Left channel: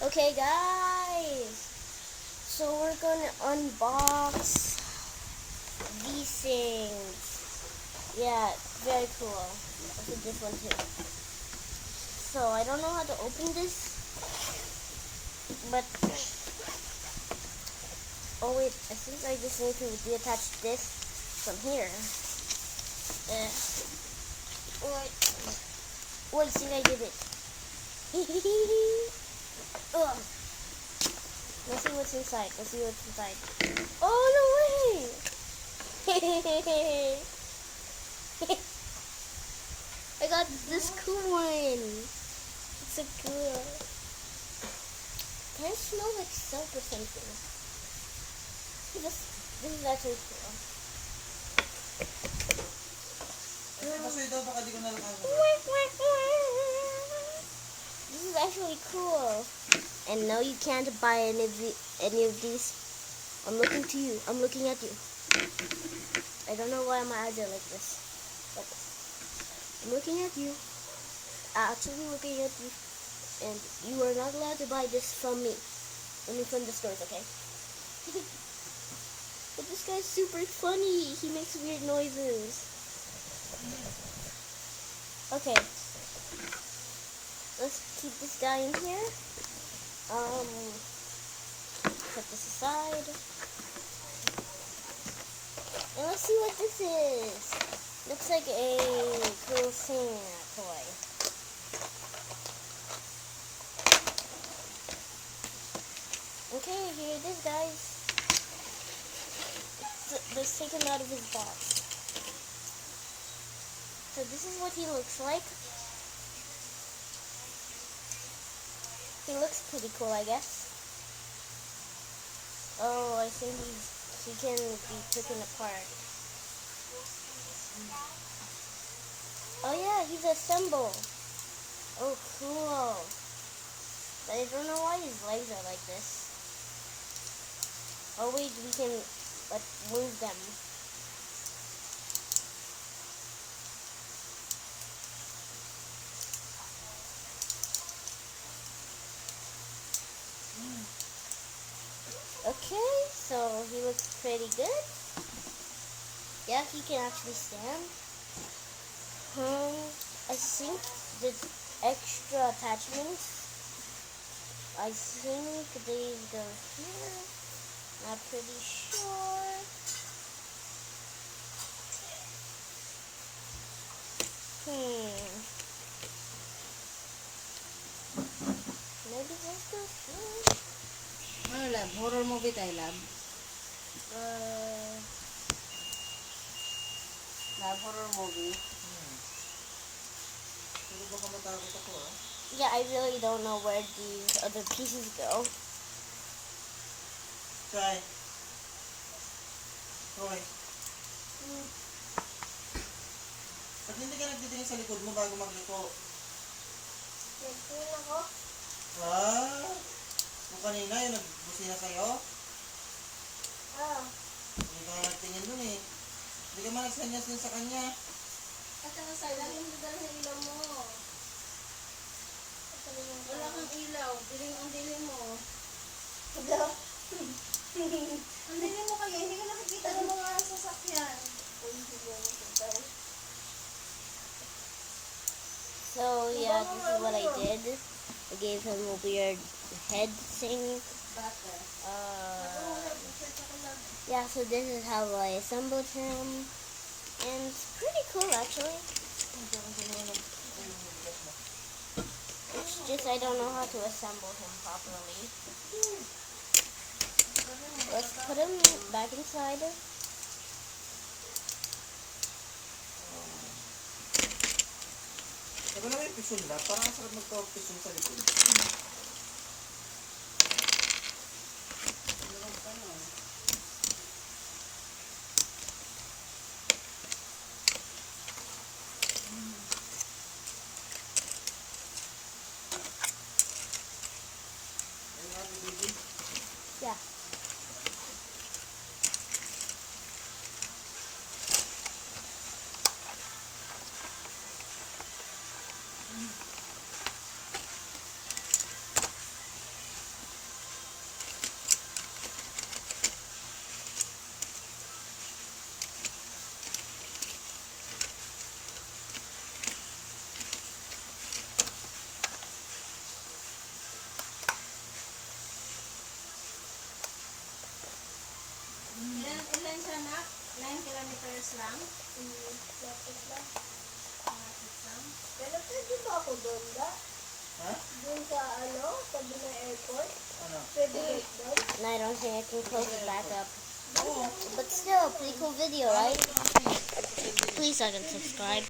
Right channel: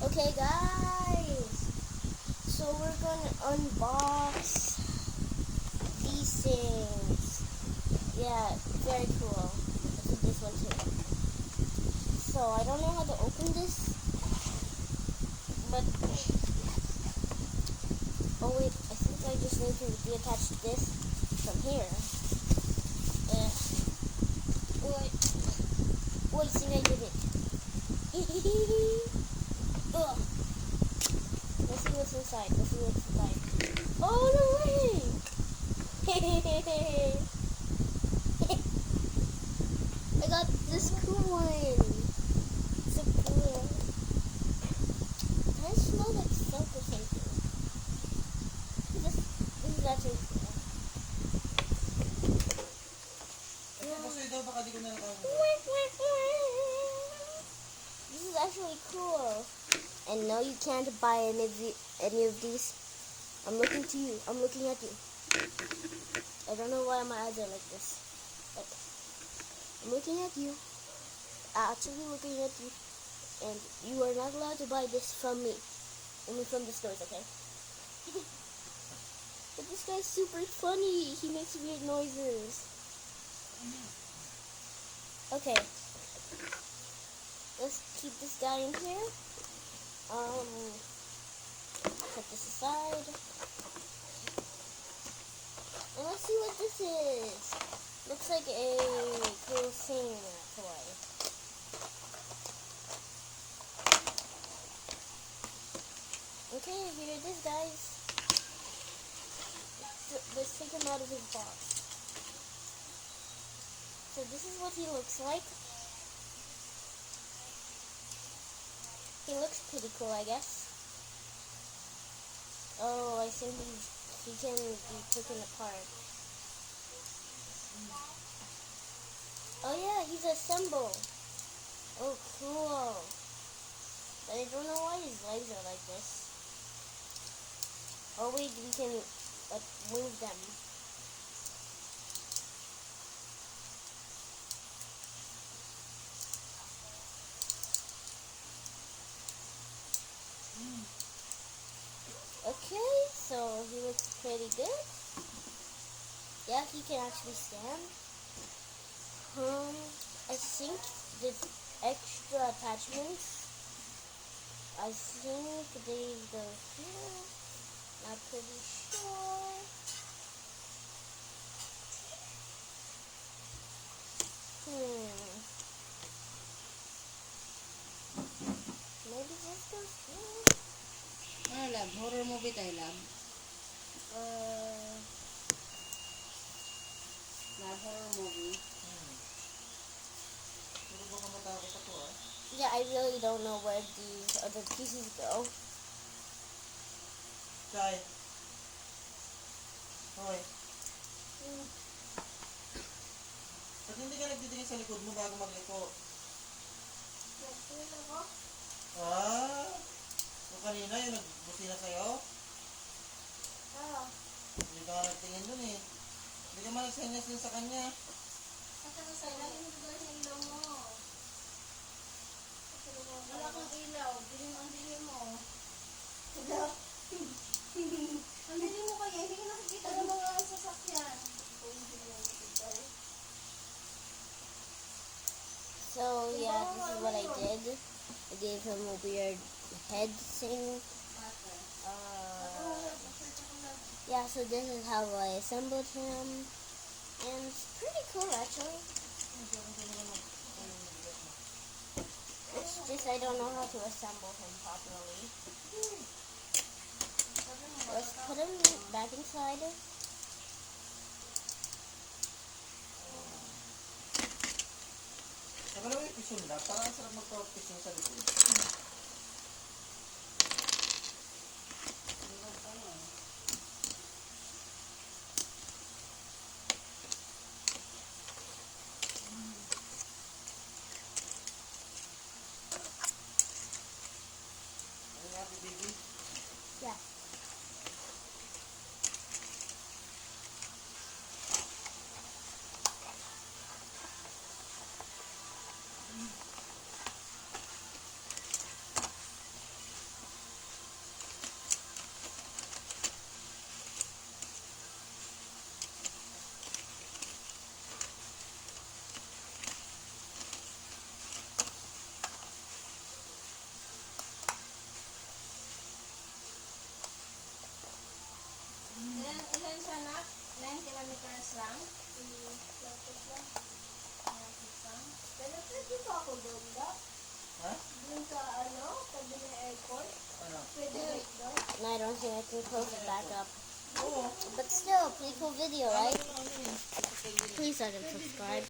Okay, guys. So we're gonna unbox these things. Yeah, very cool. Also this one too. So I don't know how to open this, but oh wait, I think I just need to reattach this from here. Wait, I think I did it. Ugh. Let's see what's inside. Oh no way! I got this cool one. So cool. Kind of smells like soap or something. This is actually cool. This is actually cool. And no, you can't buy any of these. I'm looking to you. I'm looking at you. I don't know why my eyes are like this, but I'm looking at you. Actually looking at you. And you are not allowed to buy this from me. Only from the stores, okay? But this guy's super funny. He makes weird noises. Okay. Let's keep this guy in here. Put this aside. And let's see what this is. Looks like a cool thing toy. Okay, here it is, guys. Let's take him out of his box. So this is what he looks like. He looks pretty cool, I guess. Oh, I think he can be taken apart. Oh yeah, he's assembled. Oh, cool. But I don't know why his legs are like this. Oh wait, we can move them. Okay, so he looks pretty good. Yeah, he can actually stand. I think the extra attachments, I think they go here. Not pretty sure. Maybe this goes here. Ano lab? Horror movie tayo lab? Lab, horror movie. Yeah, I really don't know where these other pieces go. Try. Roy. Pag hindi ka nagtitingin sa likod mo bago magliko. Nagtingin ako. Kung kanina yung nagbusina sa'yo, hindi ka nagtingin dun eh. Hindi ka man nagsanyas din sa kanya. At saka sa'yo, hindi dahil yung ilaw mo. Wala kang ilaw. Ang dilim mo. Ang dilim mo kaya, hindi ka nakikita ng mga sasakyan. So yeah, this is what I did. I gave him a weird head thing. Yeah, so this is how I assembled him. And it's pretty cool actually. It's just I don't know how to assemble him properly. Let's put him back inside. Sabi na may pisun na, parang ang sarap magpa-pisun sa likod. Yeah. Ilan siya na? 9 kilometers lang? Lapit lang. Lapit lang. Pero pwede ba ako doon ba? Ha? Doon sa tabi ng airport? Ano? Pwede doon? And I don't think I can close it back up. Oo. But still, pretty cool video, right? Ano? Please like and subscribe.